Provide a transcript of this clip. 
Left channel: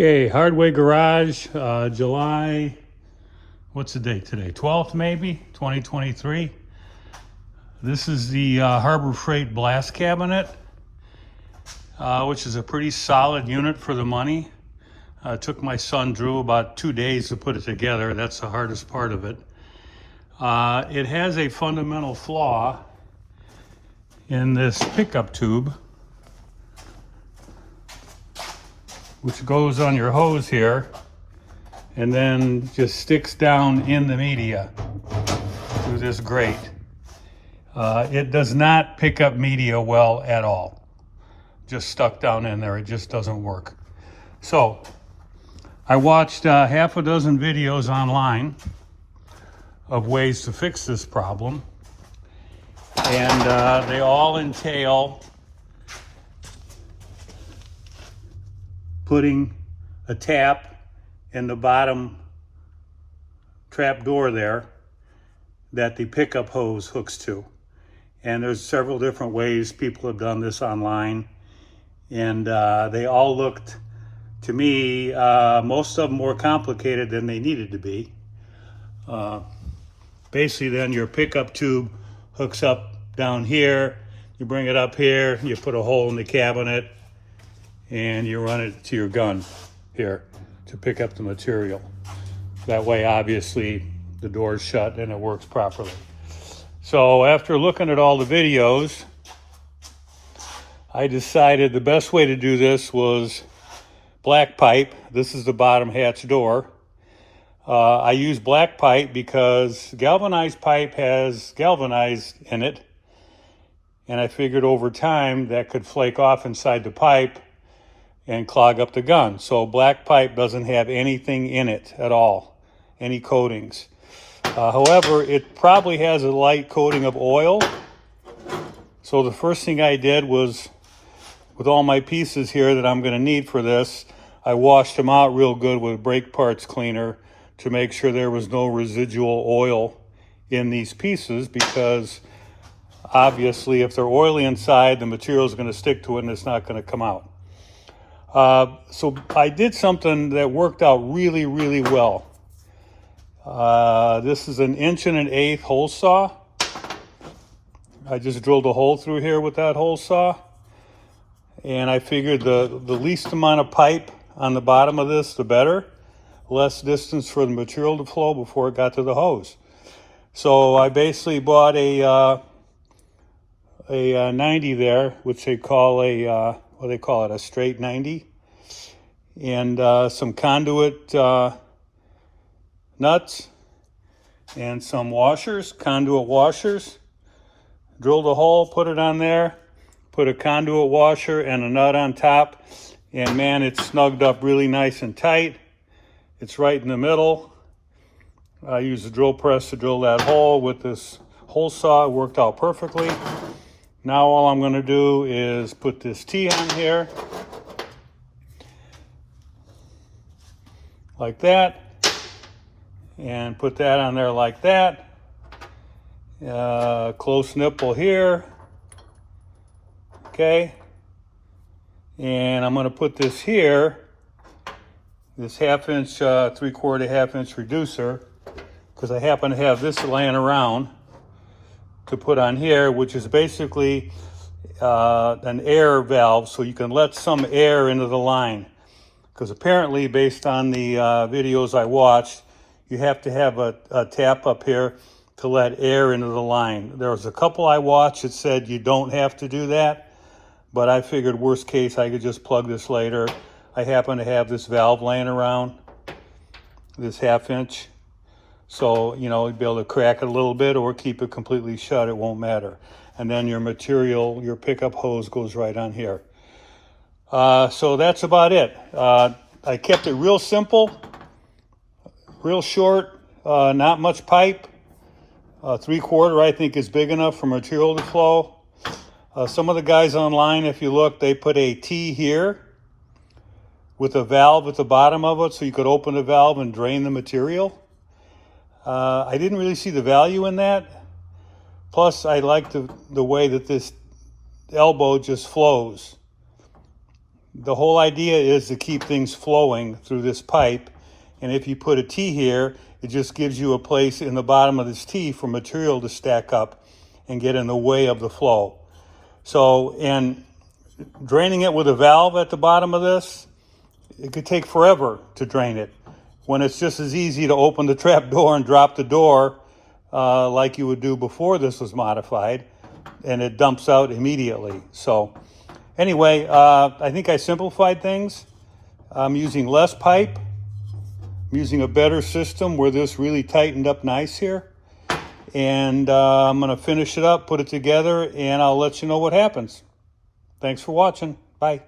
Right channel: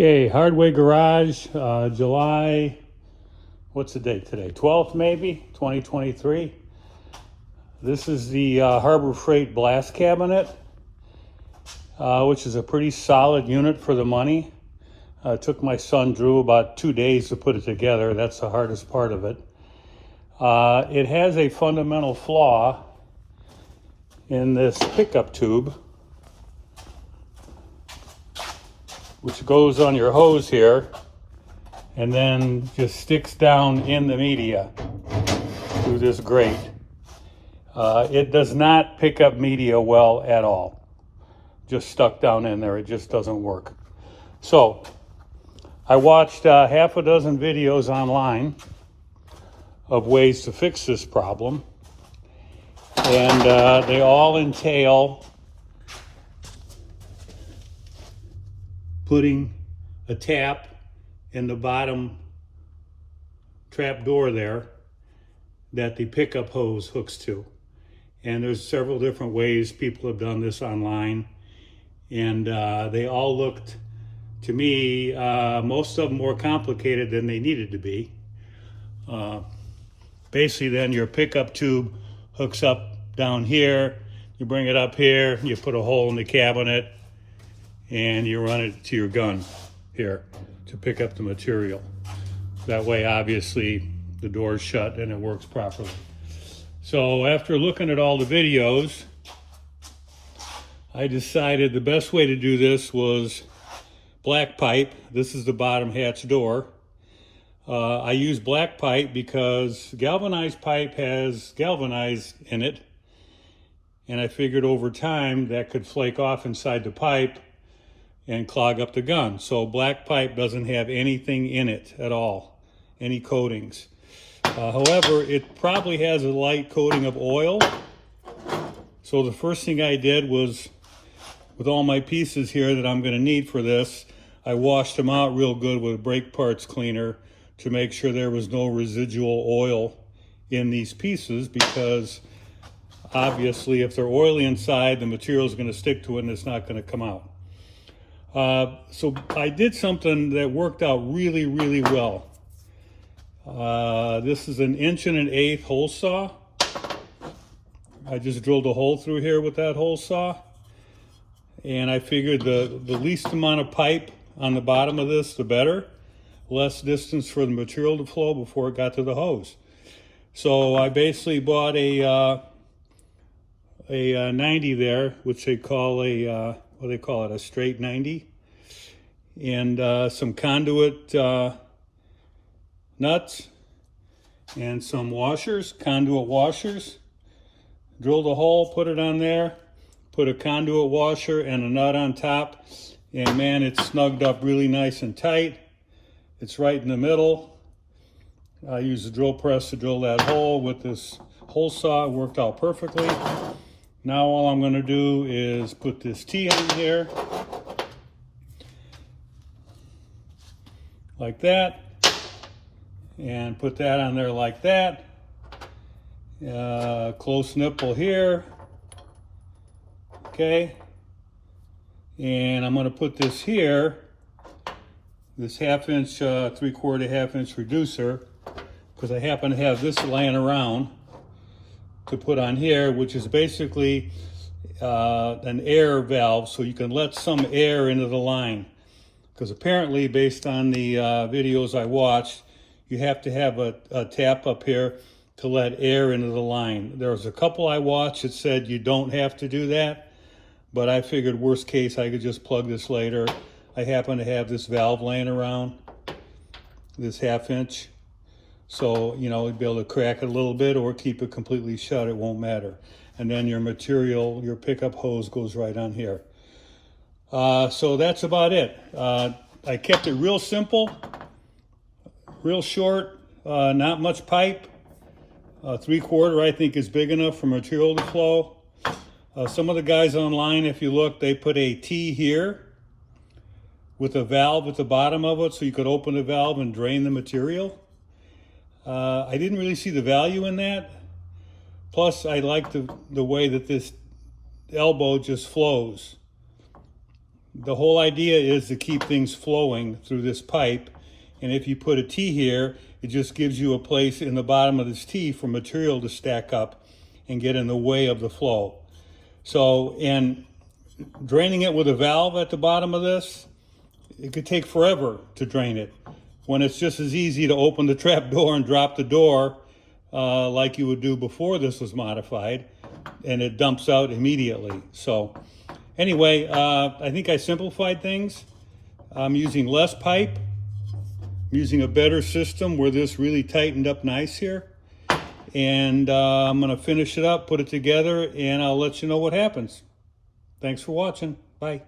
Okay, Hardway Garage, July, what's the date today? 12th maybe, 2023. This is the Harbor Freight blast cabinet, which is a pretty solid unit for the money. It took my son Drew about 2 days to put it together. That's the hardest part of it. It has a fundamental flaw in this pickup tube, which goes on your hose here and then just sticks down in the media through this grate. It does not pick up media well at all. Just stuck down in there, it just doesn't work. So I watched half a dozen videos online of ways to fix this problem, and they all entail putting a tap in the bottom trap door there that the pickup hose hooks to. And there's several different ways people have done this online, and they all looked, to me, most of them more complicated than they needed to be. Basically then your pickup tube hooks up down here, you bring it up here, you put a hole in the cabinet, and you run it to your gun here to pick up the material. That way, obviously, the door's shut and it works properly. So after looking at all the videos, I decided the best way to do this was black pipe. This is the bottom hatch door. I use black pipe because galvanized pipe has galvanized in it, and I figured over time that could flake off inside the pipe and clog up the gun. So black pipe doesn't have anything in it at all, any coatings. However, it probably has a light coating of oil. So the first thing I did was, with all my pieces here that I'm gonna need for this, I washed them out real good with brake parts cleaner to make sure there was no residual oil in these pieces, because obviously if they're oily inside, the material is gonna stick to it and it's not gonna come out. So I did something that worked out really, really well. This is an 1 1/8" hole saw. I just drilled a hole through here with that hole saw. And I figured the least amount of pipe on the bottom of this, the better. Less distance for the material to flow before it got to the hose. So I basically bought a 90 there, which they call a straight 90, and some conduit nuts and some washers, conduit washers. Drilled a hole, put it on there, put a conduit washer and a nut on top, and man, it's snugged up really nice and tight. It's right in the middle. I used a drill press to drill that hole with this hole saw. It worked out perfectly. Now all I'm going to do is put this T on here, like that, and put that on there like that. Close nipple here, okay, and I'm going to put this here, this 1/2 inch, 3/4 1/2 inch reducer, because I happen to have this laying around, to put on here, which is basically an air valve, so you can let some air into the line. Because apparently, based on the videos I watched, you have to have a tap up here to let air into the line. There was a couple I watched that said you don't have to do that, but I figured worst case I could just plug this later. I happen to have this valve laying around, this 1/2 inch. So, you know, you'd be able to crack it a little bit or keep it completely shut, it won't matter. And then your material, your pickup hose goes right on here. So that's about it. I kept it real simple, real short, not much pipe. 3/4 I think is big enough for material to flow. Some of the guys online, if you look, they put a T here with a valve at the bottom of it so you could open the valve and drain the material. I didn't really see the value in that. Plus, I like the way that this elbow just flows. The whole idea is to keep things flowing through this pipe. And if you put a T here, it just gives you a place in the bottom of this T for material to stack up and get in the way of the flow. So, and draining it with a valve at the bottom of this, it could take forever to drain it, when it's just as easy to open the trap door and drop the door like you would do before this was modified, and it dumps out immediately. So anyway, I think I simplified things. I'm using less pipe. I'm using a better system where this really tightened up nice here. And I'm going to finish it up, put it together, and I'll let you know what happens. Thanks for watching. Bye.